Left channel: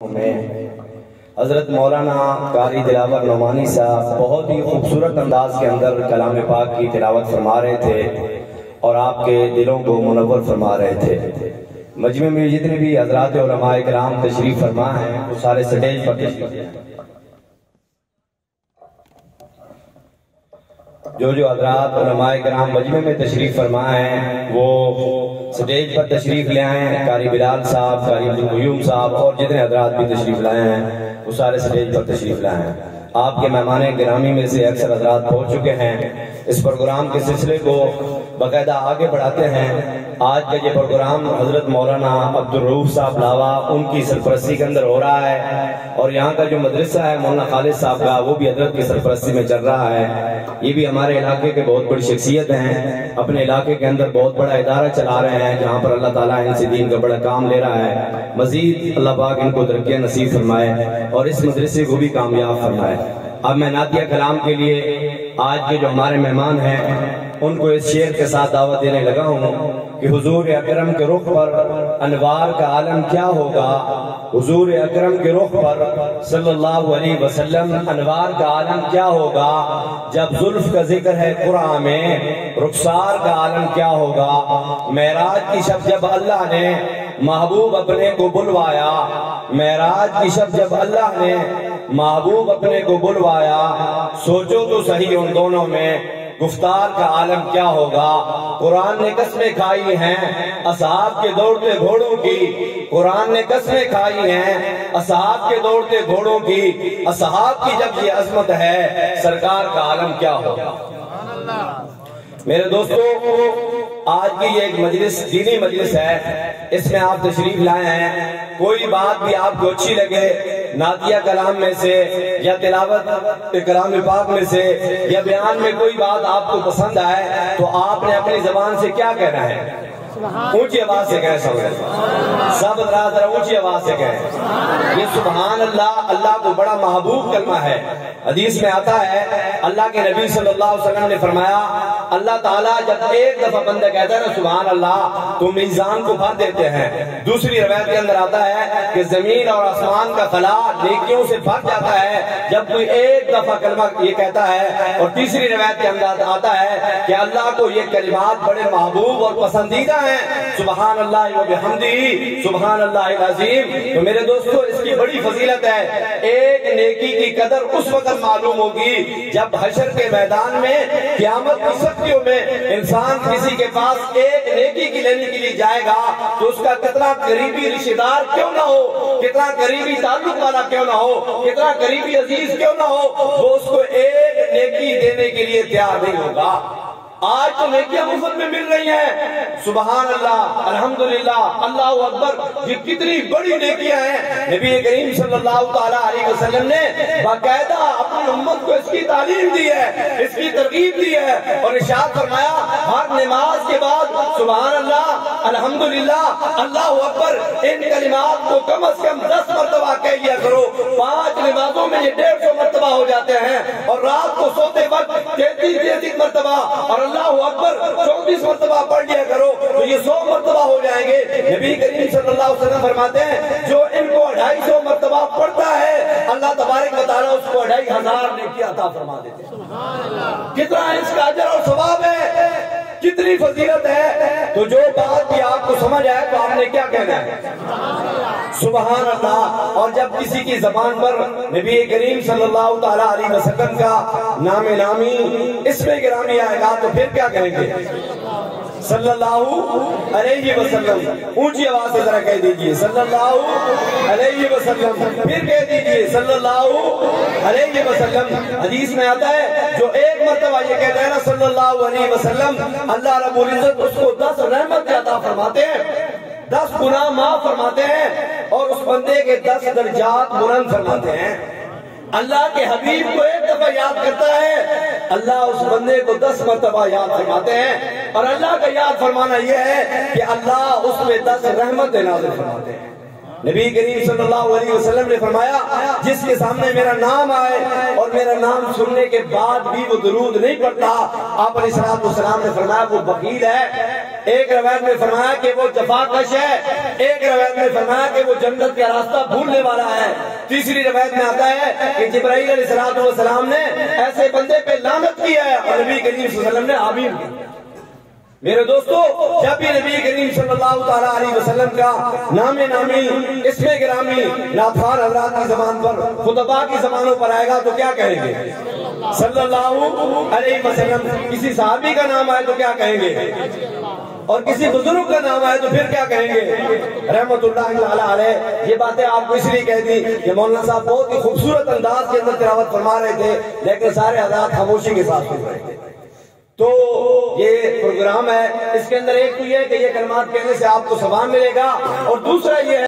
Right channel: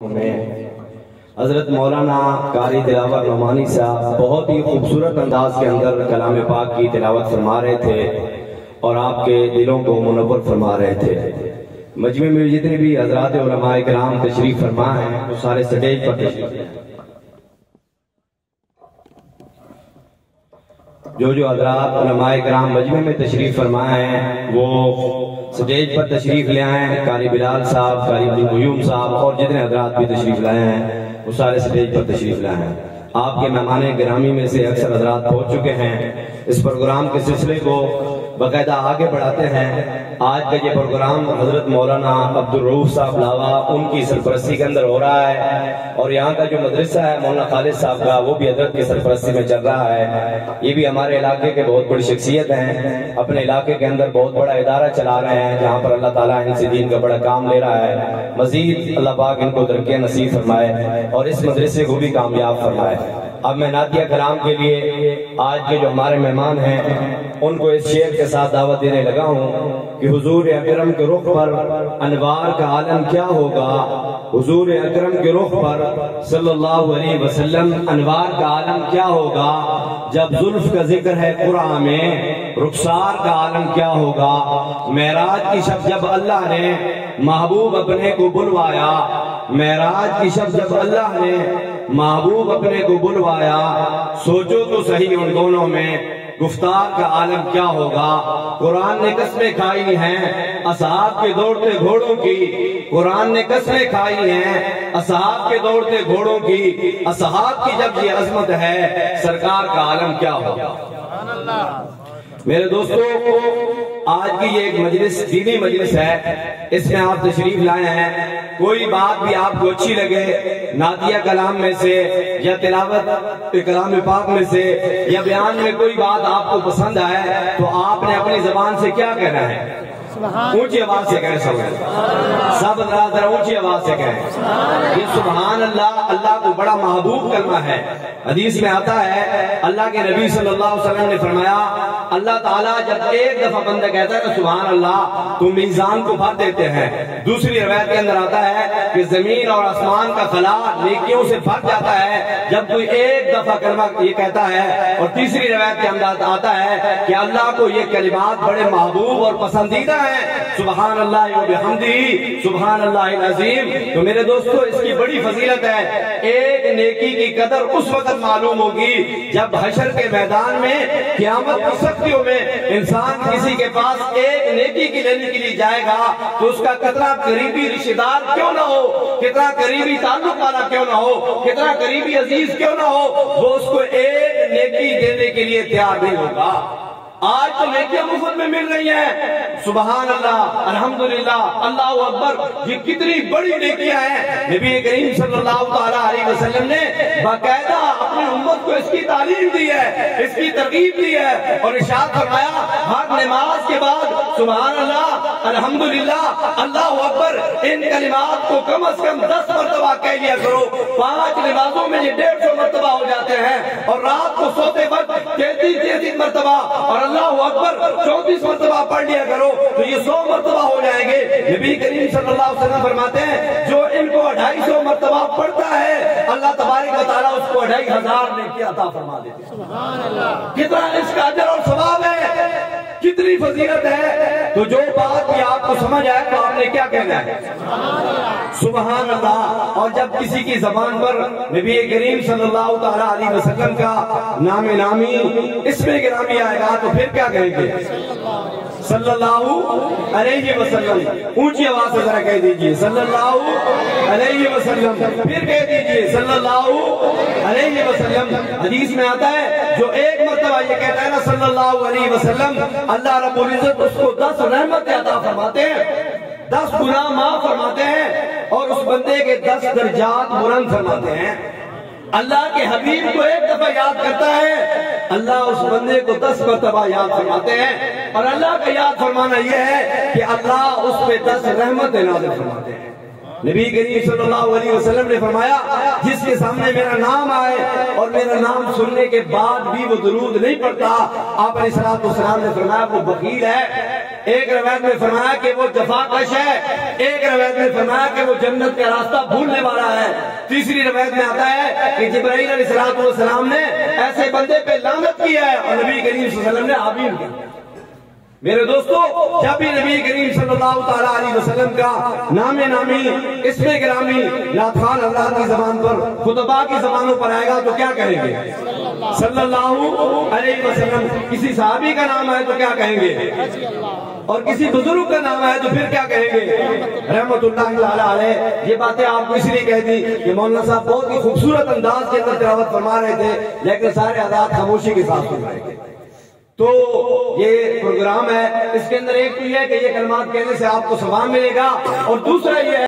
حضرت مولانا قاری تلاوت نعمانی صاحب بہت ہی خوبصورت انداز کے اندر کلام پاک کی تلاوت فرما رہے تھے اور آپ کے دلوں کو منور فرما رہے تھے۔ مجمع میں جتنے بھی حضرات علماء کرام تشریف فرما ہیں وہ سارے سٹیج پر تشریف لیں۔ جو حضرات علماء کرام مجمع میں تشریف فرما ہیں وہ سٹیج پر تشریف لے آئیں۔ قاری بلال صاحب، قاری عبدالقیوم صاحب اور جتنے حضرات بھی تشریف لائے ہیں وہ سارے سٹیج پر تشریف لائے ہیں۔ آپ کے مہمان گرامی میں سے اکثر حضرات پہنچ چکے ہیں۔ اس پروگرام کے سلسلے کو باقاعدہ آگے بڑھاتے ہیں۔ آج کا یہ پروگرام حضرت مولانا عبدالرؤوف صاحب لاوا ان کی سرپرستی کے اندر ہو رہا ہے، اور یہاں کا جو مدرسہ ہے مولانا خالد صاحب کا وہ بھی حضرت کی سرپرستی میں چل رہا ہے۔ یہ بھی ہمارے علاقے کے بہت بڑی شخصیت ہیں، اپنے علاقے کے اندر بہت بڑا ادارہ چلا رہے ہیں جہاں پر اللہ تعالیٰ ان سے دین کا بڑا کام لے رہا ہے۔ مزید اللہ پاک ان کو ترقیاں نصیب فرمائے اور اس مدرسے کو بھی کامیاب فرمائے۔ اب میں نعتیہ کلام کے لیے آج کے جو ہمارے مہمان ہیں ان کو اس شعر کے ساتھ دعوت دینے لگا ہوں کہ حضور اکرم کے رخ پر انوار کا عالم کیا ہوگا، حضور اکرم کے رخ پر صلی اللہ علیہ وسلم انوار کا عالم کیا ہوگا، جب زلف کا ذکر ہے قرآن میں رخسار کا عالم کیا ہوگا، معراج کی شب جب اللہ نے محبوب اپنے کو بلوایا، معراج کی شب جب اللہ نے محبوب اپنے کو بلوایا، سوچو تو صحیح ان دونوں میں گفتار کا عالم کیا ہوگا۔ قرآن نے قسمیں کھائی ہیں اصحاب کے دوڑتے گھوڑوں کی، قرآن نے قسمیں کھائی ہیں اصحاب کے دوڑتے گھوڑوں کی، اصحاب کی جب یہ عظمت ہے سرکار کا عالم کیا ہوگا۔ میرے دوستو، آج کی یہ ایک مجلس دینی مجلس ہے، اس میں آپ تشریف لائے ہیں۔ کوئی بات بھی آپ کو اچھی لگے نعتیہ کلام میں سے یا تلاوت کلام پاک میں سے یا بیان میں کوئی بات آپ کو پسند آئے تو آپ نے اپنی زبان سے کیا کہنا ہے؟ اونچی آواز سے کہیں سب ذرا اونچی آواز سے کہیں یہ سبحان اللہ، اللہ کو بڑا محبوب کلمہ ہے۔ حدیث میں آتا ہے اللہ کے نبی صلی اللہ علیہ وسلم نے فرمایا اللہ تعالیٰ جب ایک دفعہ بندہ کہتا ہے نا سبحان اللہ تو میزان کو بھر دیتے ہیں۔ دوسری روایت کے اندر آتا ہے کہ زمین اور آسمان کا خلا نیکیوں سے بھر جاتا ہے جب کوئی ایک دفعہ کلمہ یہ کہتا ہے، اور تیسری روایت کے اندر آتا ہے کہ اللہ کو یہ کلمات بڑے محبوب اور پسندیدہ ہیں، سبحان اللہ و بحمدہ سبحان اللہ العظیم۔ تو میرے دوستو اس کی بڑی فضیلت ہے۔ ایک نیکی کی قدر اس وقت معلوم ہوگی جب حشر کے میدان میں قیامت کی سختیوں میں انسان کسی کے پاس ایک نیکی کی لینے کے لیے جائے گا تو اس کا کتنا قریبی رشتہ دار کیوں نہ ہو، کتنا قریبی تعلق والا کیوں نہ ہو، کتنا قریبی عزیز کیوں نہ ہو، وہ اس کو ایک نیکی دینے کے لیے تیار نہیں ہوگا۔ آج تو نیکیاں مفت میں مل رہی ہیں، سبحان اللہ الحمدللہ اللہ اکبر، یہ کتنی بڑی نیکیاں ہیں۔ نبی کریم صلی اللہ تعالیٰ علیہ وسلم نے باقاعدہ اپنی امت کو اس کی تعلیم دی ہے، اس کی ترغیب دی ہے، اور ارشاد فرمایا ہر نماز کے بعد سبحان اللہ الحمدللہ اللہ اکبر ان کلمات کو کم از کم 10 مرتبہ کہہ لیا کرو۔ 5 نمازوں میں یہ 150 مرتبہ ہو جاتے ہیں، اور رات کو سوتے وقت 33 مرتبہ اور اللہ اکبر 34 مرتبہ پڑھ لیا کرو تو یہ 100 مرتبہ ہو جائیں گے۔ نبی کریم صلی اللہ علیہ وسلم فرماتے ہیں جو ان کو 250 مرتبہ پڑھتا ہے اللہ تبارک و تعالیٰ اس کو 2500 نیکی عطا فرما دیتے ہیں۔ کتنا اس کا اجر اور ثواب ہے، کتنی فضیلت ہے۔ تو جو بات بھی آپ کو سمجھ آئے تو آپ نے کیا کہنا ہے؟ سبحان اللہ۔ اور جب کسی کی زبان پر نبی کریم صلی اللہ تعالیٰ علیہ وسلم کا نام نامی اسم گرامی آئے گا تو پھر کیا کہیں گے؟ صلی اللہ علیہ وسلم۔ اونچی آواز سے ذرا کہہ دیجئے صلی اللہ علیہ وسلم، پھر کہہ دیجئے صلی اللہ علیہ وسلم۔ حدیث میں آتا ہے جو ایک مرتبہ یہ کہتا ہے نا صلی اللہ علیہ وسلم، اللہ رب العزت اس کو 10 رحمت عطا فرماتے ہیں، 10 گناہ معاف فرماتے ہیں، اور اس بندے کے 10 درجات بلند فرماتے ہیں۔ اللہ کے حبیب کو ایک دفعہ یاد کرتا ہے، اللہ اس بندے کو 10 مرتبہ یاد فرماتے ہیں، اور اللہ کا یاد فرمانا یہ ہے کہ اللہ اس پہ 10 رحمت نازل فرماتے ہیں۔ نبی کریم صلی اللہ علیہ وسلم نے فرمایا جس کے سامنے میرا نام آئے اور میرا نام سننے کے بعد بھی وہ درود نہیں پڑھتا، آپ علیہ الصلوۃ والسلام نے فرمایا وہ بخیل ہے۔ ایک روایت میں فرمایا کہ وہ جفا کش ہے، ایک روایت میں فرمایا کہ وہ جنت کا راستہ بھولنے والا ہے، تیسری روایت میں آتا ہے کہ جبرائیل علیہ الصلوۃ والسلام نے ایسے بندے پہ لعنت کی ہے اور نبی کریم صلی اللہ علیہ وسلم نے آمین کیا۔ میرے دوستو، جب بھی نبی کریم صلی اللہ تعالیٰ علیہ وسلم کا نام نامی، اسم گرامی نعتخوان حضرات کی زبان پر، خطباء کی زبانوں پر آئے گا تو کیا کہیں گے؟ صلی اللہ علیہ وسلم۔ کسی صحابی کا نام آئے تو کیا کہیں گے؟ اور کسی بزرگ کا نام آئے تو پھر کیا کہیں گے؟ رحمت اللہ علیہ۔ یہ باتیں آپ کو اس لیے کہہ دی کہ مولانا صاحب بہت ہی خوبصورت انداز کے اندر تلاوت فرما رہے تھے، لیکن سارے حضرات خاموشی کے ساتھ سن رہے تھے۔ تو یہ پروگرام ہے، اس کے اندر ایک تو یہ ہے کہ یہ کلمات کہنے سے آپ کو ثواب ملے گا، اور دوسرا یہ ہے